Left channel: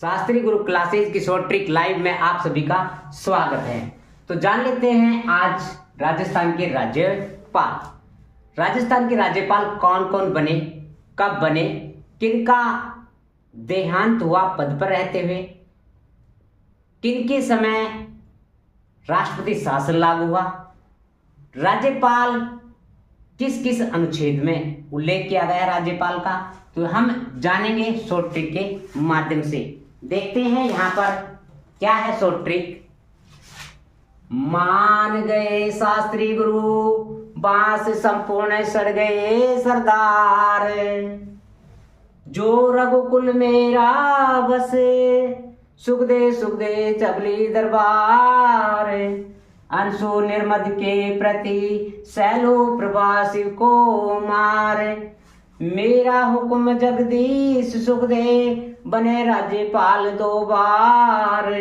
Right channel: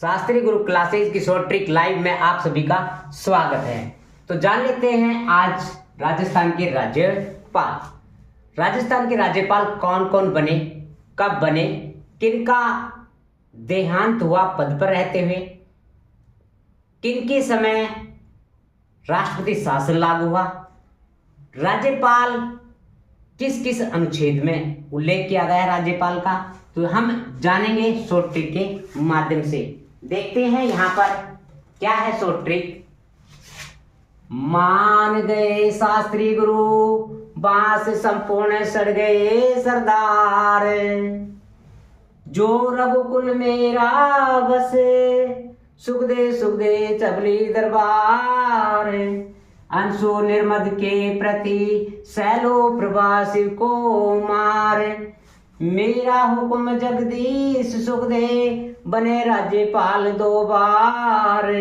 शास्त्री गुरु classes की short trick live में आप सभी का स्वागत है। तो जान लेते हैं आज राजस्थान के राज्यपाल। राजस्थान के राज्यपाल कौन कौन बने, कब बने, किनका देहांत हुआ पद पर रहते हुए, किनके समय राष्ट्रपति शासन लागू हुआ, राज्यपाल किस किस अनुच्छेद में उल्लेख किया गया है राज्यपाल का, तो हम जानेंगे शॉर्ट ट्रिक के माध्यम से। देखते हैं यहां पर क्या है शॉर्ट ट्रिक। मान गए शास्त्री गुरु बांस संपूर्ण सड़ गए सरदार, जो रघुकुल मेरा बसे सुख दे चबली दरबार, अंशु निर्मद के प्रति सैलो प्रभा शिव को मार, मेरा हुक्म जगदीश सुख दे बने राज्यपाल दो बार।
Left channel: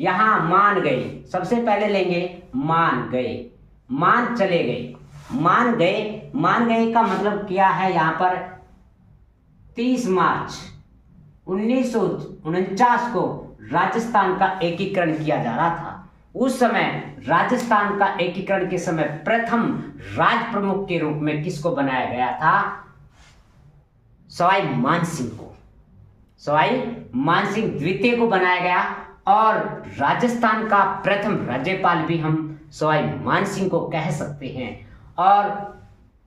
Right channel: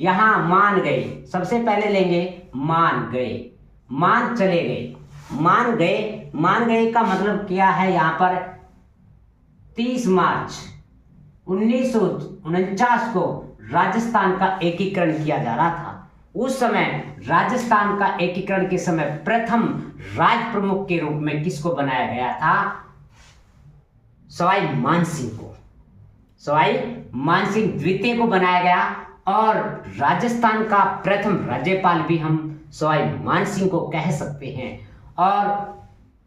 यहां मान गए सबसे पहले लेंगे, मान गए, मान चले गए, मान गए। मान गए का मतलब क्या है, यहां पर 30 मार्च 1949 को राजस्थान का एकीकरण किया जा रहा था। उस समय राजस्थान का एकीकरण के समय प्रथम राज प्रमुख के रूप में किसको बनाया गया था? सवाई मानसिंह को, सवाई मानसिंह द्वितीय को बनाया गया। और राजस्थान का प्रथम राज्यपाल भी हम सवाई मानसिंह को कह सकते हैं। और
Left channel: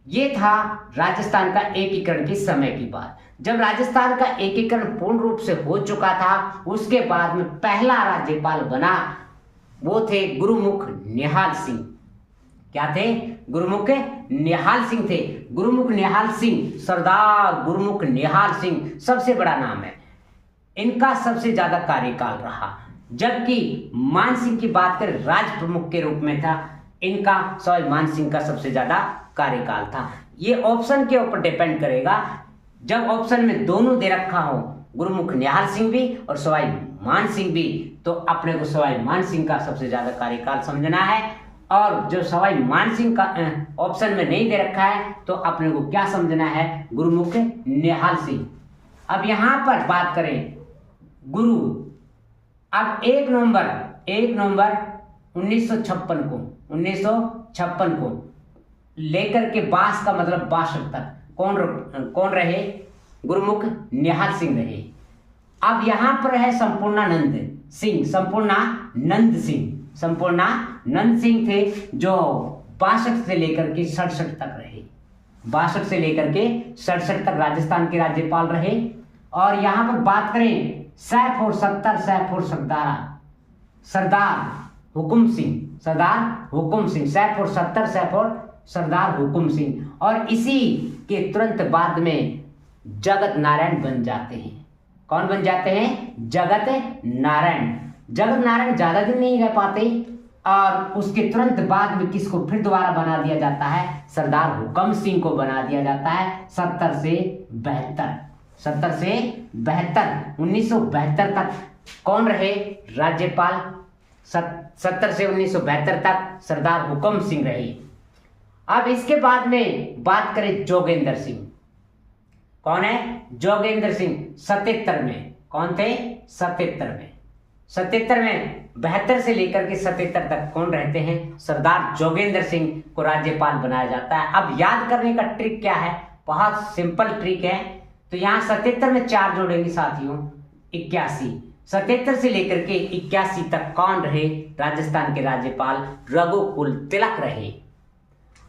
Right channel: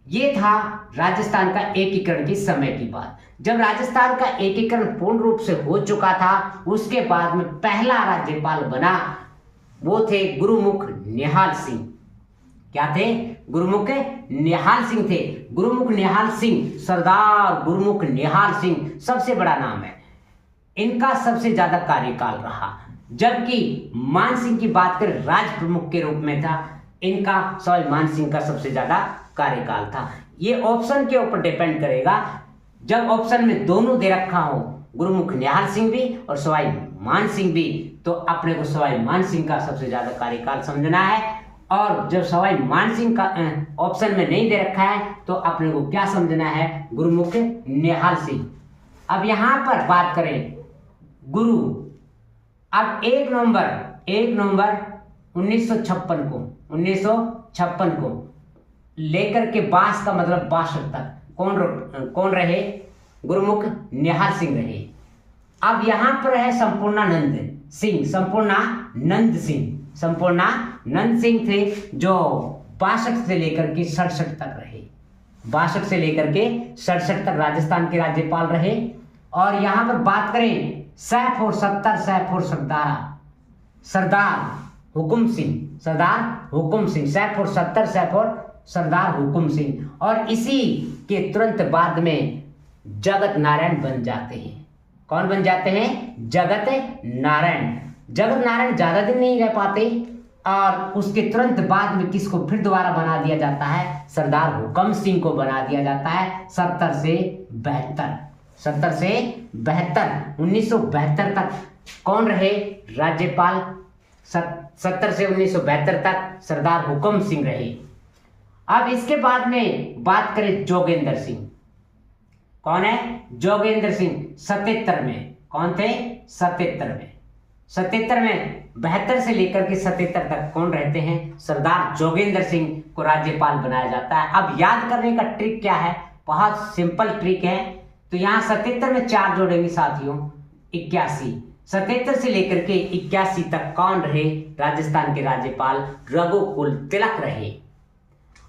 ये था राजस्थान का एकीकरण के समय की बात। जब राजस्थान का एकीकरण पूर्ण रूप से हो चुका था, उसके बाद में पहला राज्यपाल बना वो थे गुरुमुख निहाल सिंह। क्या थे? गुरुमुख निहाल सिंह थे। गुरुमुख निहाल सिंह, सरदार गुरुमुख निहाल सिंह सबसे बड़ा नाम है। इनका सबसे ज्यादा कार्यकाल रहा, जबकि मान सिंह की बात करें राज प्रमुख के रूप में था, इनका सवाई मान सिंह का सबसे ज्यादा कार्यकाल था। ये ऑप्शन के ऊपर डिपेंड करेगा। जब ऑप्शन में दोनों दे रखा हो, गुरुमुख निहाल सिंह भी और सवाई मान सिंह भी, तो अपने को सवाई मान सिंह का सबसे ज्यादा कार्यकाल समझना है। और जब सवाई मान सिंह का ऑप्शन में नहीं दे रखा है, तो अपने को क्या समझना है? गुरुमुख निहाल सिंह। अब यहां पर बात करें गुरु, अब 1 नवंबर 1956 को लेकर के बास का मतलब 62 तक कौन रहे? गुरुमुख निहाल सिंह रहे। अब यहां पर है संपूर्णानंद सिंह थे, जो 62 से लेकर के 67 तक रहे। 62 से लेकर के 67 तक राजस्थान के राज्यपाल रहे। और यहां पर बात करें सैफ और सरदार हुकुम सिंह, सैफ और सरदार हुकुम सिंह। और इसी के तुरंत बाद में जगत नारायण बन जाते हैं। कौन बन जाते हैं? जगत नारायण ज्यादा दिन नहीं रह पाते। और उसके तुरंत बाद में किसको फिर दोबारा बना दिया जाता है? सरदार हुकुम सिंह को बना दिया जाता है 70 से 1972 तक कौन रहे राज्यपाल? 70 से 1972 तक सरदार हुकुम सिंह रहे। अब इसके बाद में बात करें जोगेंद्र सिंह। कौन है? जोगेंद्र सिंह 77 में। कौन थे? 77 में 72 से लेकर के 77 तक कौन रहते हैं? सरदार जोगेंद्र सिंह को राज्यपाल बनाया जाता है। अब याद करने का ट्रिक क्या है? बहुत सिंपल ट्रिक है। तो यहाँ 77 में 4 जोड़ेंगे साथियों, 81। 77 से लेकर के 81 तक कौन रहे राजस्थान के राज्यपाल? रघुकुल तिलक रहे।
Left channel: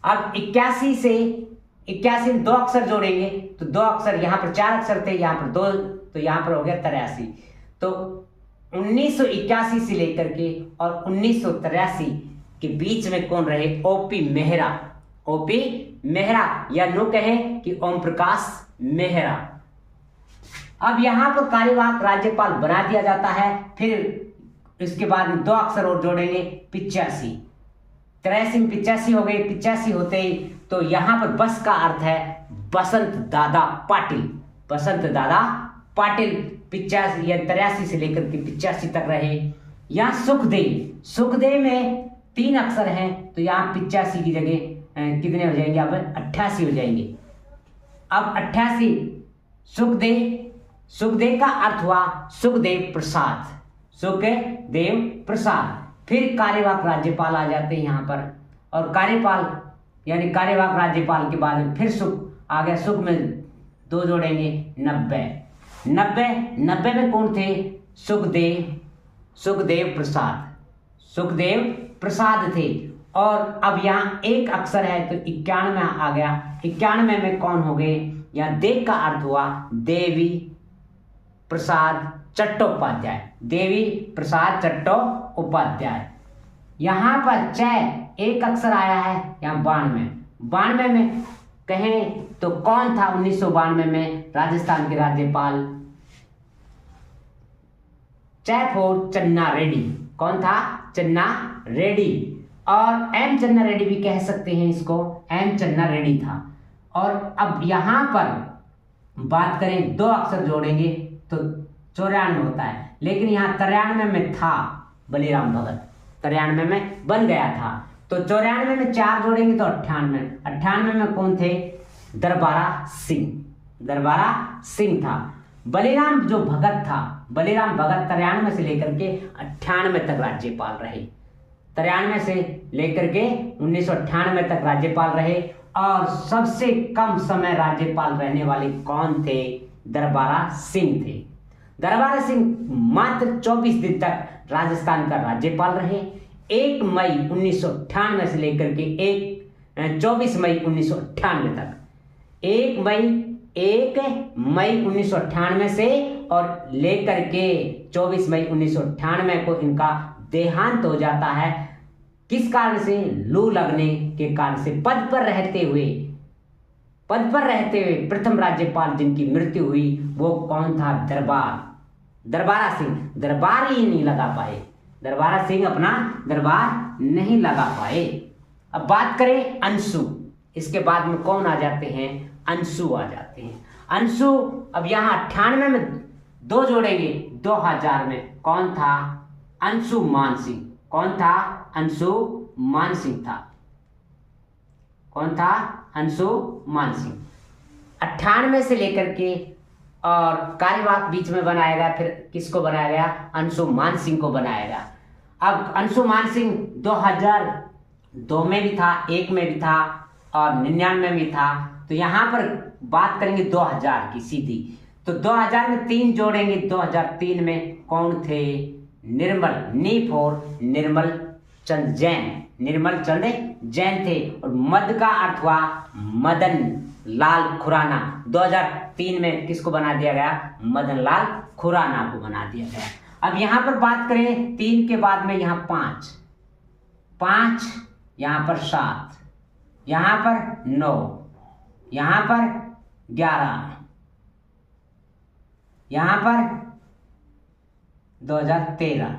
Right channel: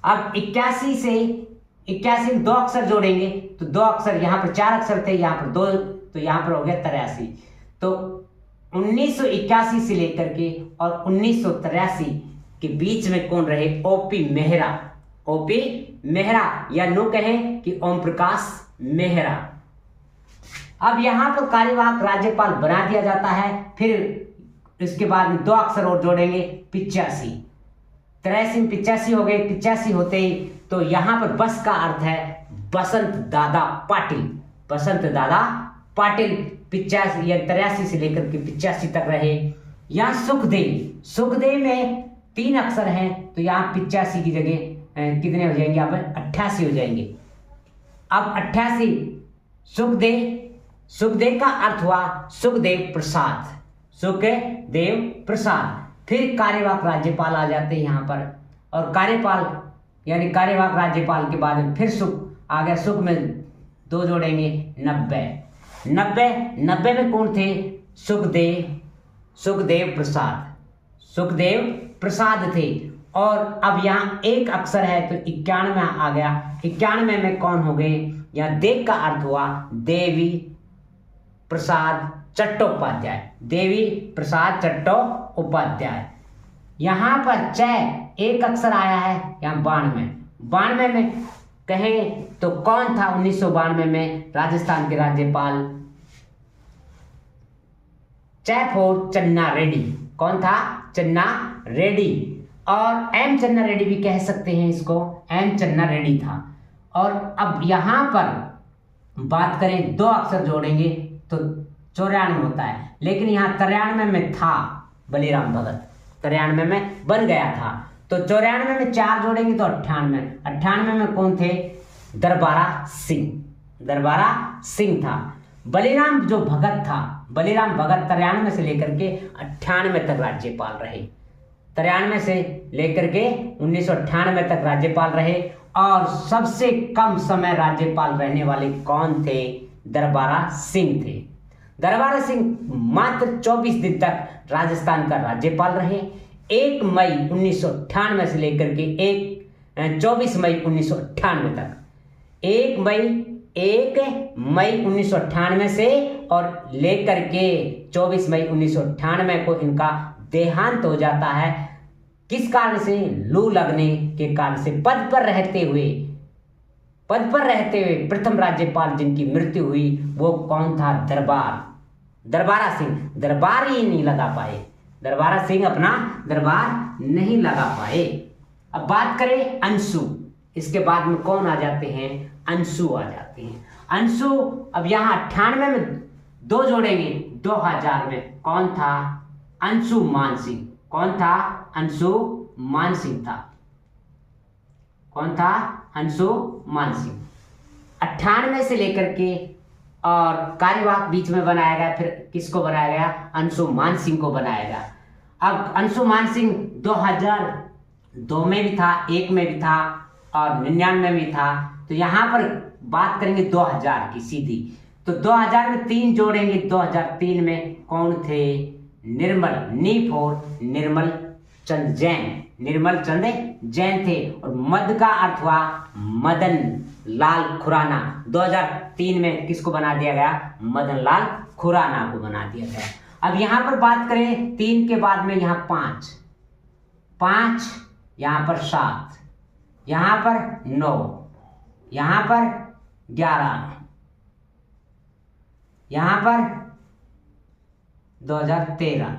अब 81 में 2 अक्षर जोड़ेंगे, तो 2 अक्षर, यहाँ पर 4 अक्षर थे, यहाँ पर 2, तो यहाँ पर हो गया 83। तो 1981 से लेकर के और 1983 के बीच में कौन रहे? ओपी मेहरा या नो कहे कि ओम प्रकाश मेहरा। अब यहां पर कार्यवाहक राज्यपाल बना दिया जाता है। फिर इसके बाद में 2 अक्षर और जोड़ेंगे, 85। 83 में 85 हो गए। 85 होते ही तो यहां पर बस का अर्थ है बसंत दादा पाटिल 85 या 83 से लेकर के 85 तक रहे। यहाँ सुखदेव में 3 अक्षर हैं, तो यहाँ 85 की जगह कितने हो जाएंगे? यहाँ पर 88 हो जाएंगे। अब 88 सुखदेव का अर्थ हुआ सुखदेव प्रसाद, सुखदेव प्रसाद। फिर कार्यवाहक राज्यपाल आ जाते हैं यहाँ पर, और कार्यपाल यानी कार्यवाहक राज्यपाल के बाद में फिर सुख आ गया। सुख में 2 जोड़ेंगे 90 में कौन थे? सुखदेव प्रसाद थे। और अब यहाँ एक अक्षर है तो 91 आ गया। 91 में कौन हो गए? यहाँ देव का अर्थ हुआ देवी प्रसाद चट्टोपाध्याय, देवी प्रसाद चट्टोपाध्याय। यहाँ पर चय एक अक्षर आया है यहाँ 92 में कहें तो कौन था 1992 में राजस्थान के राज्यपाल? चैफोर चन्ना रेड्डी। कौन था? चन्ना रेड्डी। और एम चन्ना रेड्डी भी कह सकते हैं इसको, एम चन्ना रेड्डी था। और अब यहां पर बात करें 2 अक्षर जोड़ेंगे तो 94 होता है, लेकिन यहाँ 93 में था बलिराम भगत, 93 में बन गया था। तो 94 में 4 जोड़ेंगे तो 98 में कौन थे? दरबारा सिंह था। बलिराम जो भगत था, बलिराम भगत 93 से लेकर के 98 तक राज्यपाल रहे, 93 से लेकर के 1998 तक राज्यपाल रहे। और सबसे कम समय राज्यपाल रहने वाले कौन थे? दरबारा सिंह थे। दरबारा सिंह मात्र 24 दिन तक राजस्थान का राज्यपाल रहे। 1 मई 1998 से लेकर के 24 मई 1998 तक, 1 मई 1998 से और लेकर के 24 मई 1998 को इनका देहांत हो जाता है। किस कारण से? लू लगने के कारण से। पद पर रहते हुए प्रथम राज्यपाल जिनकी मृत्यु हुई वो कौन था? दरबारा सिंह। दरबार ही नहीं लगा पाए, दरबारा सिंह अपना दरबार नहीं लगा पाए। अब बात करें अंशु, इसके बाद में कौन आ जाते हैं? अंशु आ जाते हैं। अंशु अब यहाँ 98 में 2 जोड़ेंगे 2000 में कौन था? अंशु मान सिंह। कौन था? अंशु मान सिंह था। कौन था? अंशु मान सिंह। 98 से लेकर के और कार्यवाहक बीच में बनाया गया, फिर किसको बनाया गया? अंशु मान सिंह को बनाया गया। अब अंशु मान सिंह 2002 में भी था, 1 में भी था और 99 में भी था। तो यहाँ पर बात करेंगे 2000 की सीधी, तो 2000 में 3 जोड़ेंगे। 2003 में कौन थे? निर्मल चंद जैन थे। और मद का अर्थ हुआ मदन लाल खुराना। 2003 में किसको बना दिया गया? मदन लाल खुराना को बना दिया गया। अब यहां पर बात करें 3 के बाद में यहाँ 5, यहां पर 7, यहां पर 9, यहां पर 11, यहां पर 2013।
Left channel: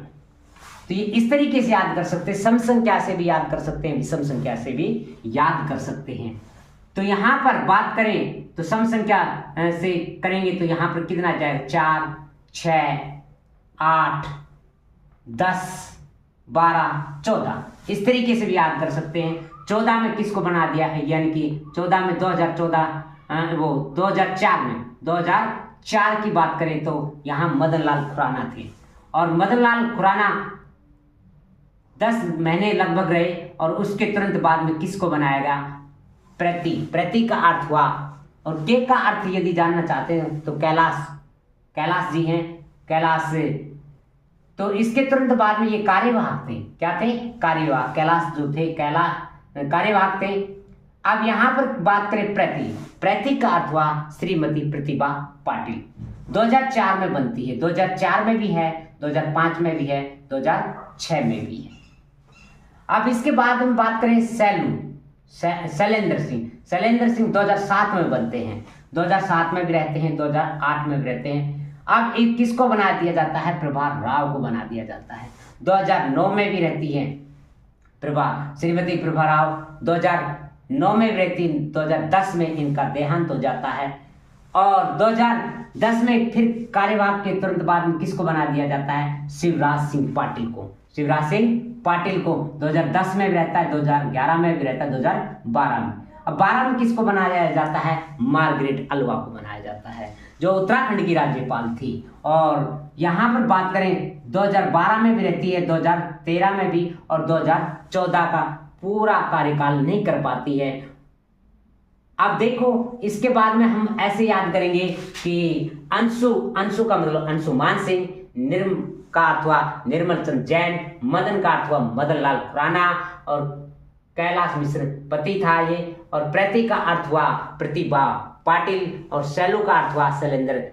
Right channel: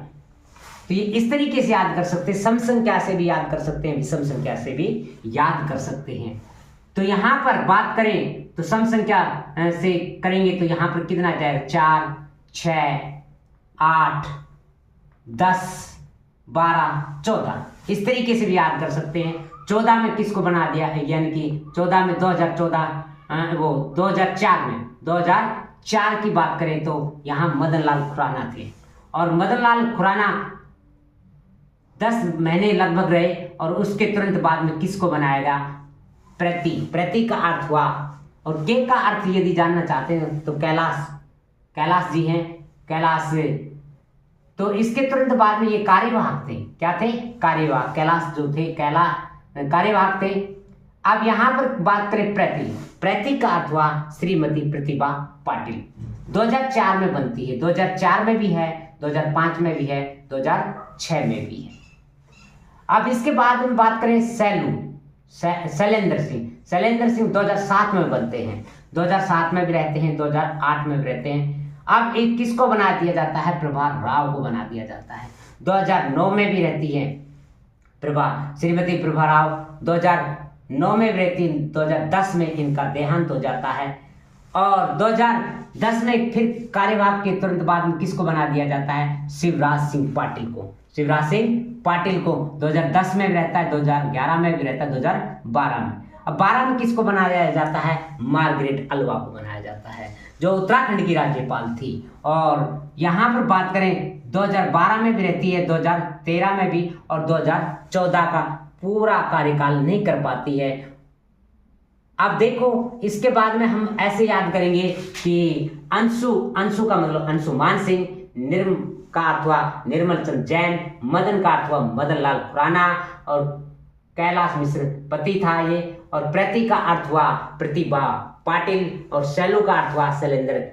तो ये इस तरीके से याद कर सकते हैं, सम संख्या से भी याद कर सकते हैं, विषम संख्या से भी याद कर सकते हैं। तो यहां पर बात करें तो सम संख्या से करेंगे तो यहां पर कितना जाएगा? 4, 6, 8, 10, 12, 14। इस तरीके से भी याद कर सकते हैं। 14 में किसको बना दिया है? यानी कि 14 में 2004 की बात करें तो यहां मदन लाल खुराना थे। और मदन लाल खुराना 10 महीने लगभग रहे और उसके तुरंत बाद में किसको बनाया गया? प्रति का अर्थ हुआ। और के का अर्थ यदि जानना चाहते हैं तो कैलाश जी हैं, कैलाश। तो इसके तुरंत बाद में ये कार्यवाहक थे। क्या थे? कार्यवाहक। कैलाश जो थे कार्यवाहक थे। अब यहां पर बात करें प्रति का अर्थ हुआ श्रीमती प्रतिभा पाटिल। 2004 में बनती है, 2004 में भी है, 2005 में भी है, 2006 में भी है। अब इसके बाद हम बात करें शैलेंद्र सिंह 2007 में बनते हैं, 2007 में भी रहते हैं, 2008 में भी रहते हैं। अब एक किसको बना दिया जाता है? प्रभा राव को बना दिया जाता है। 2009 में भी रहती है श्रीमती प्रभा राव, 2009 में भी रहती है। 2010 में इनका देहांत हो जाता है। और 2010 में फिर कार्यवाहक के तुरंत बाद में किसको बना दिया जाता है? शिवराज सिंह पाटिल को 2010 में भी रहता है, 2011 में भी रहता है, 2012 में। अब 12 में किसको बनाया जाता है? मार्गरेट अल्वा को बनाया जाता है। जो उत्तराखंड की राज्यपाल थी। और यहाँ पर बात करें 2012 में भी रहती है, 2013 में भी, और 2014 का पूरा कार्यकाल नहीं कर पाती है। अब देखो इसके बाद में हम ऐसे याद करेंगे कि अंशु का मतलब अंशुमान सिंह, निर्म का अर्थ हुआ निर्मल चंद जैन, मदन का अर्थ हुआ मदन लाल खुराना, और कैलाश मिश्र पति था ये, और प्रति का अर्थ हुआ प्रतिभा पाटिल, और शैलू का अर्थ हुआ शैलेंद्र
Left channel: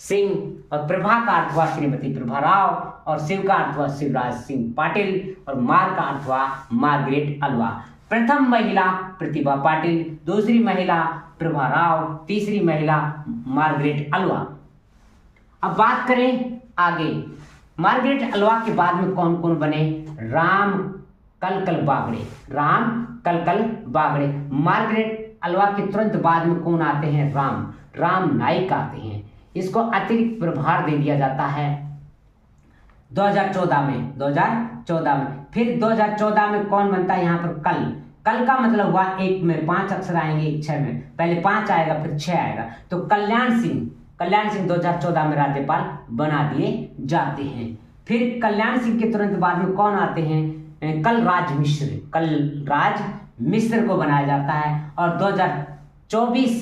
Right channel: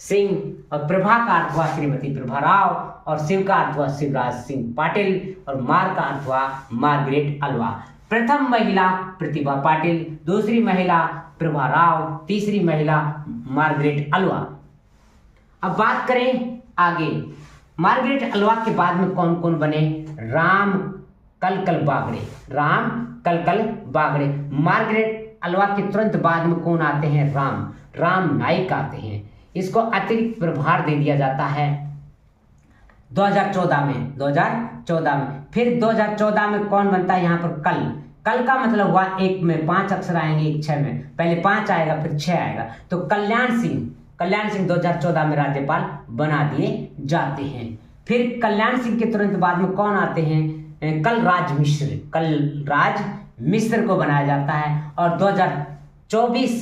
सिंह, और प्रभा का अर्थ हुआ श्रीमती प्रभा राव, और शिव का अर्थ हुआ शिवराज सिंह पाटिल, और मार का अर्थ हुआ मार्गरेट अल्वा। प्रथम महिला प्रतिभा पाटिल, दूसरी महिला प्रभा राव, तीसरी महिला मार्गरेट अल्वा। अब बात करें आगे, मार्गरेट अल्वा के बाद में कौन कौन बने? राम कलकल बागड़े। मार्गरेट अल्वा के तुरंत बाद में कौन आते हैं? राम नाईक आते हैं। इसको अतिरिक्त प्रभार दे दिया जाता है 2014 में। फिर 2014 में कौन बनता है यहाँ पर? कल का मतलब हुआ एक में 5 अक्षर आएंगे, एक 6 में, पहले 5 आएगा फिर 6 आएगा, तो कल्याण सिंह 2014 में राज्यपाल बना दिए जाते हैं। फिर कल्याण सिंह के तुरंत बाद में कौन आते हैं? कलराज मिश्र को बनाया जाता है। और 2024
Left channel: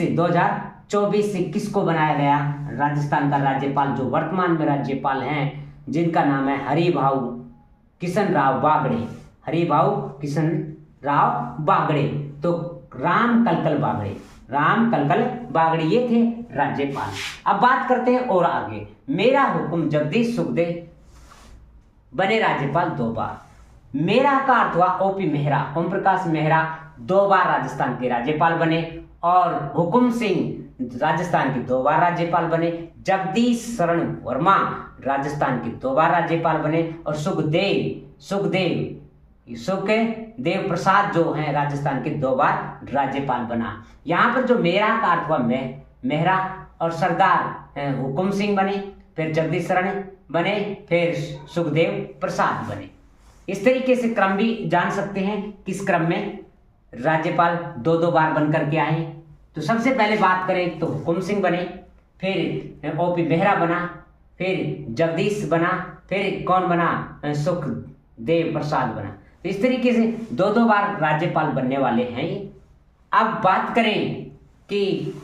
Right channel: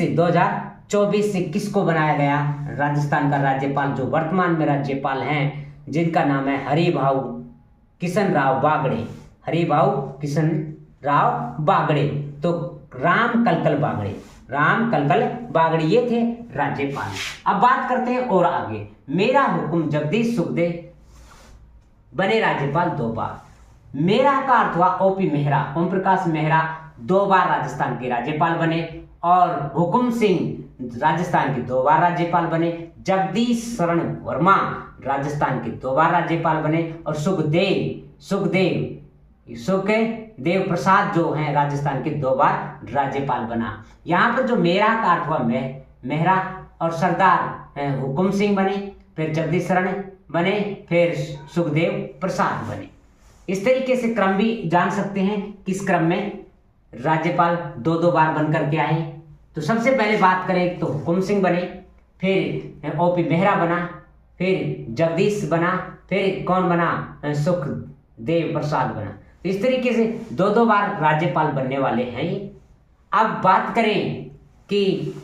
से किसको बनाया गया? राजस्थान का राज्यपाल जो वर्तमान में राज्यपाल हैं, जिनका नाम है हरिभाऊ किशन राव बागड़े। तो राम कलकल बागड़े ये थे राज्यपाल। अब बात करते हैं और आगे, मेरा हुकुम जगदीश सुखदेव बने राज्यपाल 2 बार। मेरा का अर्थ हुआ ओपी मेहरा, ओम प्रकाश मेहरा 2 बार राजस्थान के राज्यपाल बने, और हुकुम सिंह राजस्थान के 2 बार राज्यपाल बने। जगदीश शरण वर्मा राजस्थान के 2 बार राज्यपाल बने, और सुखदेव प्रसाद जो हैं राजस्थान के 2 बार राज्यपाल बना। यहाँ पर जो मेरा का अर्थ हुआ मेहरा, और सरदार हुकुम सिंह बने, फिर जगदीश शरण बने, फिर सुखदेव प्रसाद बने। इस तरीके से क्रम भी जान सकते हैं किस क्रम में राज्यपाल 2-2 बार बन करके आए। तो सबसे पहले बात करें तो हुकुम सिंह बने, फिर ओपी मेहरा बना, फिर जगदीश बना, फिर कौन बना? सुखदेव प्रसाद बना। इस तरीके से 2-2 बार राज्यपाल बनने वाले हैं। अब बात करें कि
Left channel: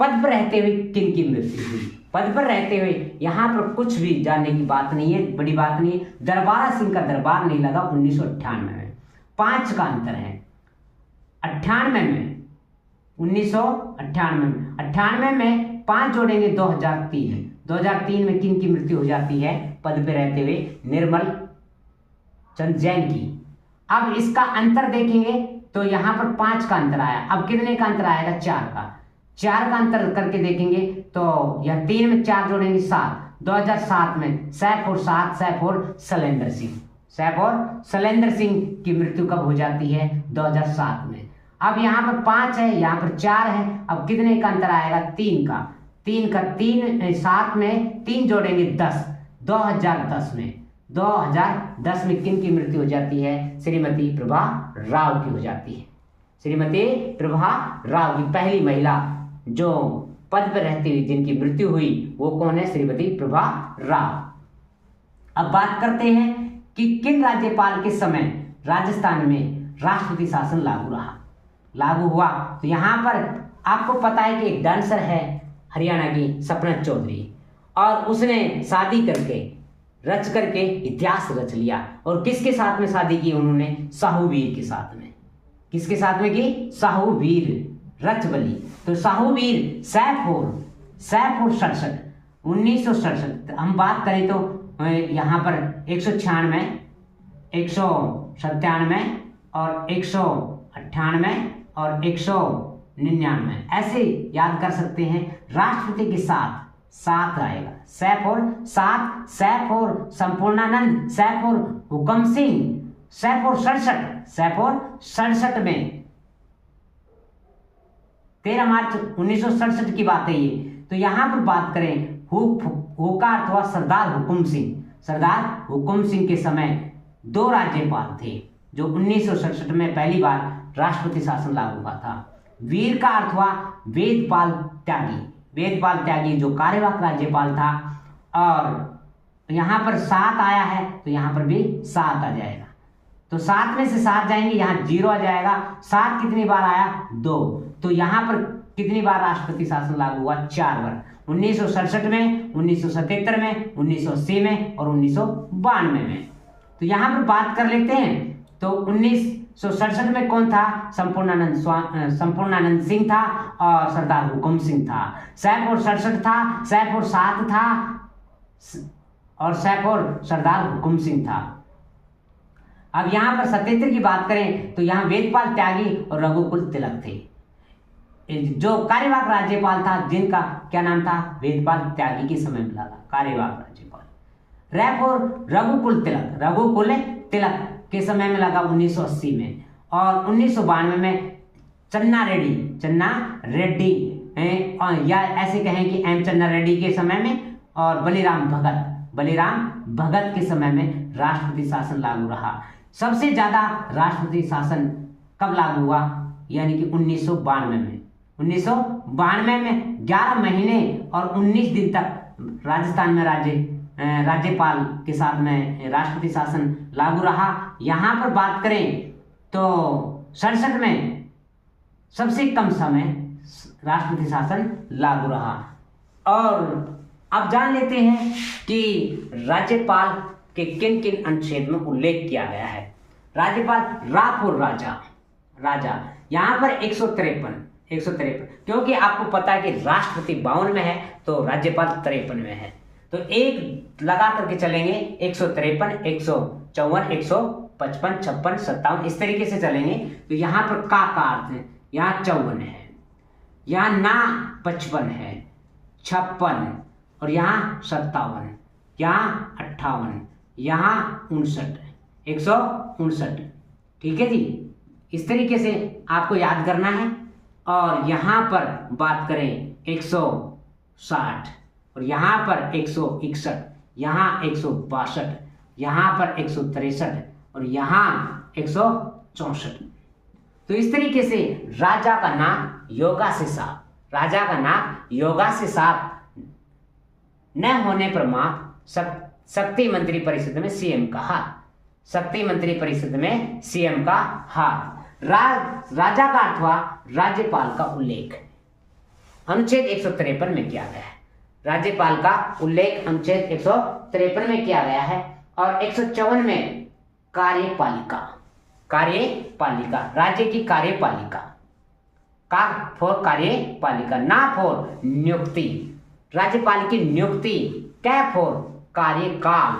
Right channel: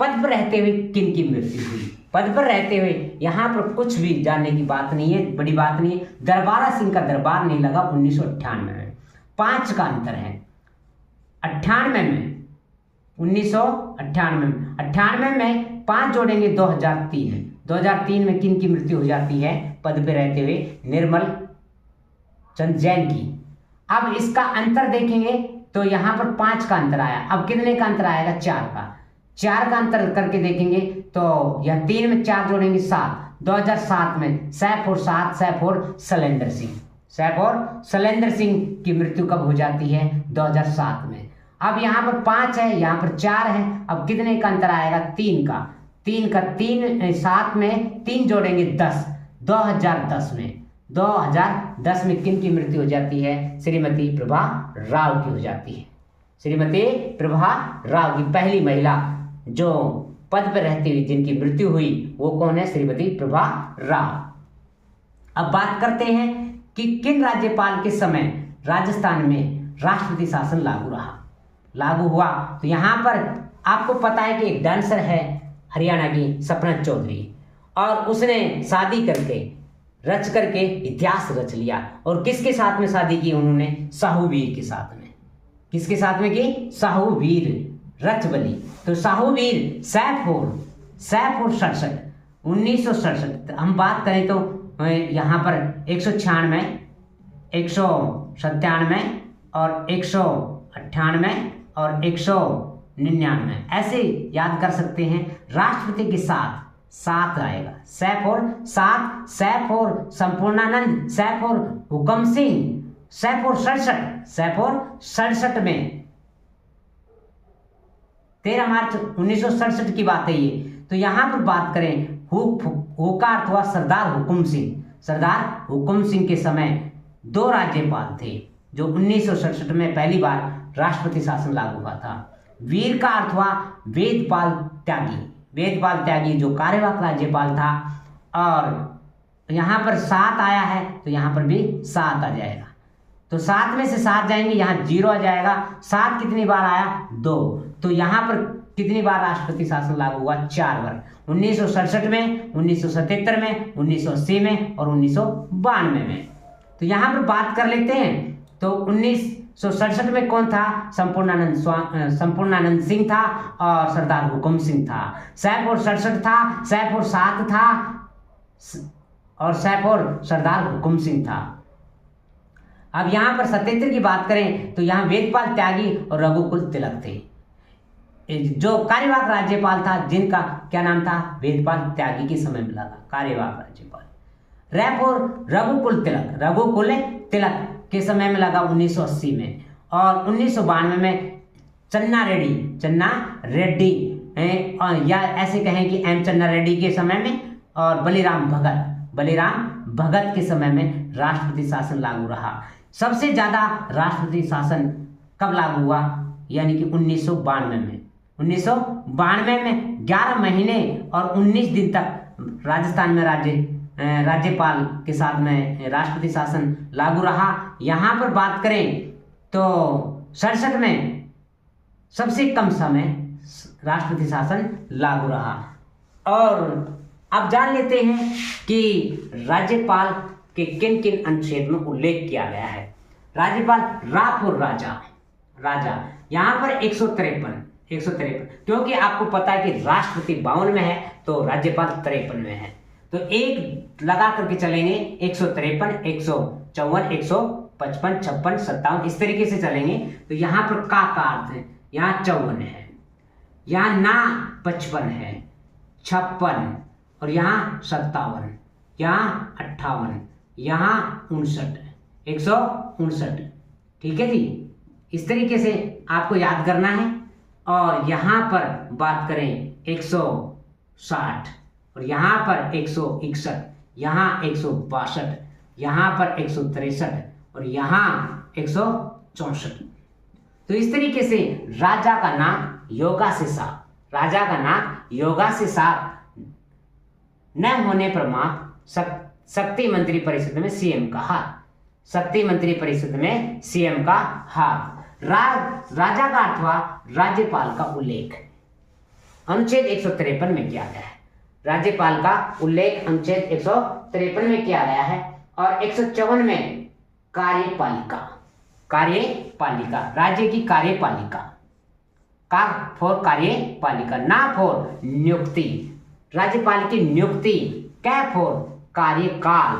पद पर रहते हुए किन की मृत्यु हुई। पद पर रहते हुए यहाँ पर कुछ भी जानने की बात नहीं है, बड़ी बात नहीं है। दरबारा सिंह का दरबार नहीं लगा 1998 में, 5 का अंतर है। 98 में 1998 में 5 जोड़ेंगे 2003 में किन की मृत्यु हो जाती है पद पे रहते हुए? निर्मल चंद जैन की। अब इसका अंतर देखेंगे तो यहाँ पर 5 का अंतर आया, अब कितने का अंतर आएगा? 4 का अंतर करके देखेंगे तो यह 3 में 4 जोड़ेंगे 7। 2007 में सैफ और शैलेंद्र सिंह की मृत्यु कब हो जाती है? 2007 में। अब यहाँ पर 5 है, यहाँ पर 4 है, अब कितने का अंतर आएगा? 3 का 7 में 3 जोड़ेंगे 10। 2010 में किन की मृत्यु हो जाती है? श्रीमती प्रभा राव की हो जाती है। श्रीमती प्रभा राव की, पहली महिला जो पद पर रहती हुई जिनकी मृत्यु हुई वो कौन है? श्रीमती प्रभा राव। अब बात करते हैं कि किन राज्यपाल के समय राजस्थान में राष्ट्रपति शासन लागू हुआ। तो यहाँ पर आपको पता है कि एक डांसर है हरियाणा की सपना चौधरी, और उसने शादी रच करके इतिहास रच लिया। और किसके साथ में शादी की उन्होंने? साहूवीर के साथ में। किसके साथ में की? साहूवीर रचबली। तो साहूवीर सैफ और 1967 हम बात करें तो यहाँ पर 196, 197 और 198 और 199 ऐसे याद कर सकते हैं। राष्ट्रपति के साथ आएगा सैफ और संपूर्णानंद, सैफ और हुकम सिंह, सैफ और 67 में 13 मार्च 1967 की बात है ये। तो यहाँ पर बात करें हु का अर्थ हुआ सरदार हुकुम सिंह के समय 2 राज्यपाल थे जो 1967 में पहली बार राष्ट्रपति शासन लागू हुआ था। वीर का अर्थ हुआ वेदपाल वेदपाल त्यागी जो कार्यवाहक राज्यपाल था। और यहाँ पर 7 आया है तो यहाँ पर भी 7 आ जाएगा, तो 7 में से 7 जाएंगे, यहाँ 0 आ जाएगा। 7 कितनी बार आया? 2। तो यहाँ पर कितनी बार राष्ट्रपति शासन लागू हुआ? 4 बार। 1967 में, 1977 में, 1980 में और 1992 में। तो यहाँ पर बात कर लेते हैं। तो 1967 में कौन था? संपूर्णानंद सिंह था और सरदार हुकुम सिंह था। सैफ 67 था, सैफ 7 था और सैफ सरदार हुकुम सिंह था। अब यहाँ पर 77 की बात करें तो यहाँ वेदपाल त्यागी और रघुकुल तिलक थे। जो कार्यवाहक राज्यपाल था जिनका क्या नाम था? वेदपाल त्यागी के समय में लगा कार्यवाहक राज्यपाल। रघुकुल तिलक के समय में लगा 1980 में। और 1992 में चन्ना रेड्डी या ऐसे कहें कि एम चन्ना रेड्डी के समय में और बलिराम भगत के समय में राष्ट्रपति शासन लागू रहा। सबसे ज्यादा राष्ट्रपति शासन कब लागू हुआ? यानी कि 1992 में। 1992 में 11 महीने और 19 दिन तक राजस्थान में राज्यपाल के साथ में राष्ट्रपति शासन लागू रहा। यहाँ पर बात करें तो 67 में सबसे कम समय राष्ट्रपति शासन लागू रहा। और अब जान लेते हैं कि राज्यपाल के किन किन अनुच्छेद में उल्लेख किया गया है। राज्यपाल रापुर राजा यहाँ पर 153, क्योंकि आपको पता है कि राष्ट्रपति 52 में है तो राज्यपाल 53 में है, तो एक लगा करके चलेंगे। 153, 154, 155, 56, 57 इस तरीके से चलेंगे। तो यहाँ पर का अर्थ है, यहाँ 54 है, यहाँ ना 55 है, 56 और यहाँ 57, यहाँ 58, यहाँ 59, 159। ठीक है जी, इस तरीके से आपको याद करना है। और यहाँ पर बात करें 160 और यहाँ पर 161, यहाँ 162, यहाँ पर 163 और यहाँ 164। तो इस तरीके से राजा का नाम योगा से साफ न होने पर शक्ति मंत्री परिषद में सीएम का हाथ। राजा का अथवा राज्यपाल का उल्लेख अनुच्छेद 153 में किया गया है। राज्यपाल का उल्लेख अनुच्छेद 153 में किया गया है। और 154 में कार्यपालिका, राज्य की कार्यपालिका कार्यपालिका, ना फॉर नियुक्ति। राज्यपाल की नियुक्ति क्या? फॉर कार्यकाल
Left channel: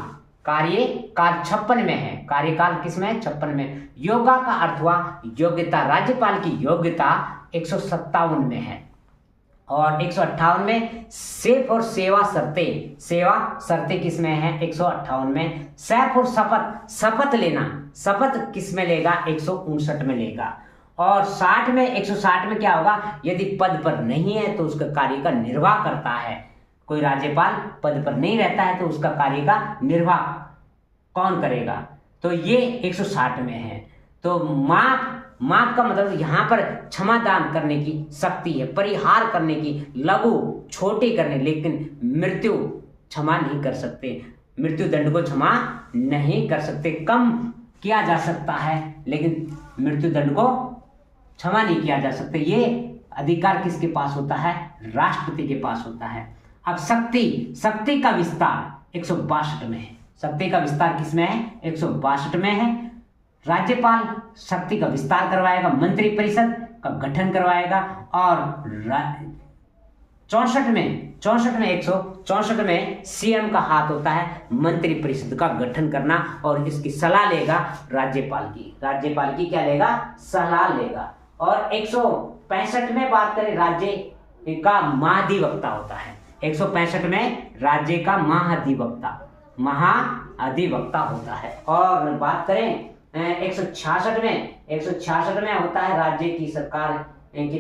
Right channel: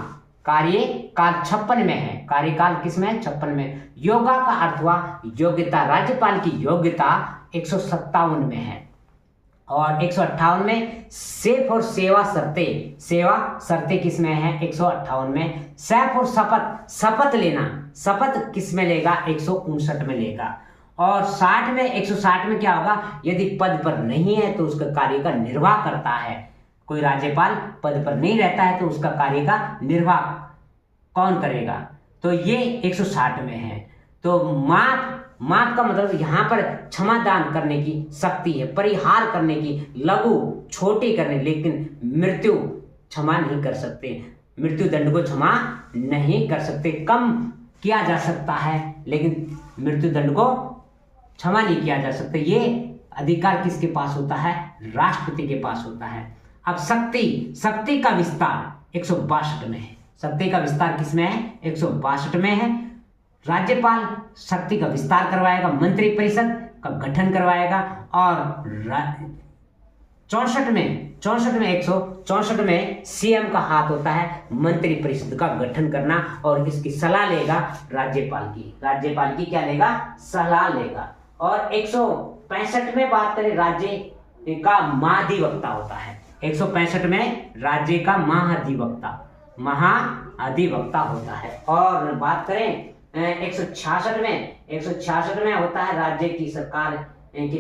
56 में है। कार्यकाल किसमें है? 56 में। योगा का अर्थ हुआ योग्यता। राज्यपाल की योग्यता 157 में है। और 158 में सेफ और सेवा शर्तें किसमें है? 158 में। सैफ और शपथ किसमें लेगा? 159 में लेगा। और 160 में क्या होगा? यदि पद पर नहीं है तो उसका कार्य का निर्वाह करता है। कोई राज्यपाल पद पर नहीं रहता है तो उसका कार्य का निर्वाह कौन करेगा? तो ये 160 में है। तो माफ का मतलब यहाँ पर क्षमादान करने की शक्ति है, परिहार करने की, लघु छोटी करने, लेकिन मृत्यु क्षमा नहीं कर सकते, मृत्यु दंड को क्षमा नहीं कर सकते। कम किया जा सकता है लेकिन मृत्यु दंड को क्षमा नहीं किया जा सकता। ये अधिकार किसके पास होता है? राष्ट्रपति के पास होता है। अब शक्ति का विस्तार 162 में है। शक्ति का विस्तार किसमें है? 162 में है। राज्यपाल शक्ति का विस्तार करवाएगा, मंत्रिपरिषद का गठन करवाएगा। और 164 में सीएम का हाथ होता है मंत्रिपरिषद का गठन करना और इसकी सलाह लेगा राज्यपाल की क्या लेगा? सलाह लेगा। और 165 में बात करें राज्य का महाधिवक्ता होता है। 165 में राज्य का महाधिवक्ता होता है। और बात करें 166 में होता है राज्य की सरकार के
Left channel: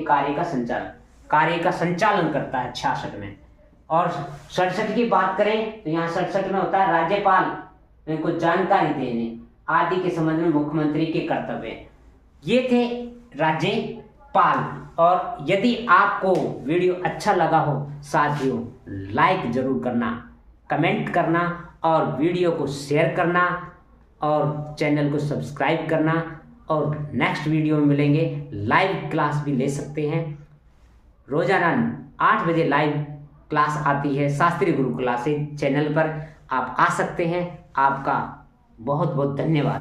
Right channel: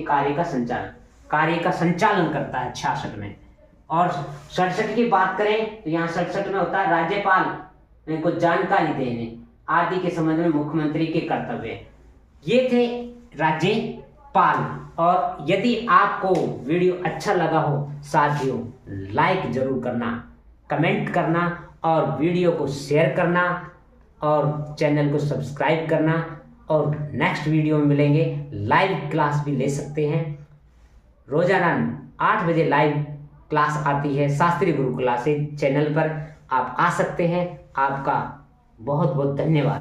कार्य का संचालन करता है 66 में। और 67 की बात करें तो यहाँ 67 में होता है राज्यपाल को जानकारी देने आदि के संबंध में मुख्यमंत्री के कर्तव्य। ये थे राज्यपाल। और यदि आपको वीडियो अच्छा लगा हो साथियों, लाइक जरूर करना, कमेंट करना और वीडियो को शेयर करना और चैनल को सब्सक्राइब करना। और नेक्स्ट वीडियो में मिलेंगे। लाइव क्लास भी ले सकते हैं। रोजाना 8 बजे लाइव क्लास आती है शास्त्री गुरु क्लासेज चैनल पर, आप आ सकते हैं। आपका बहुत बहुत धन्यवाद।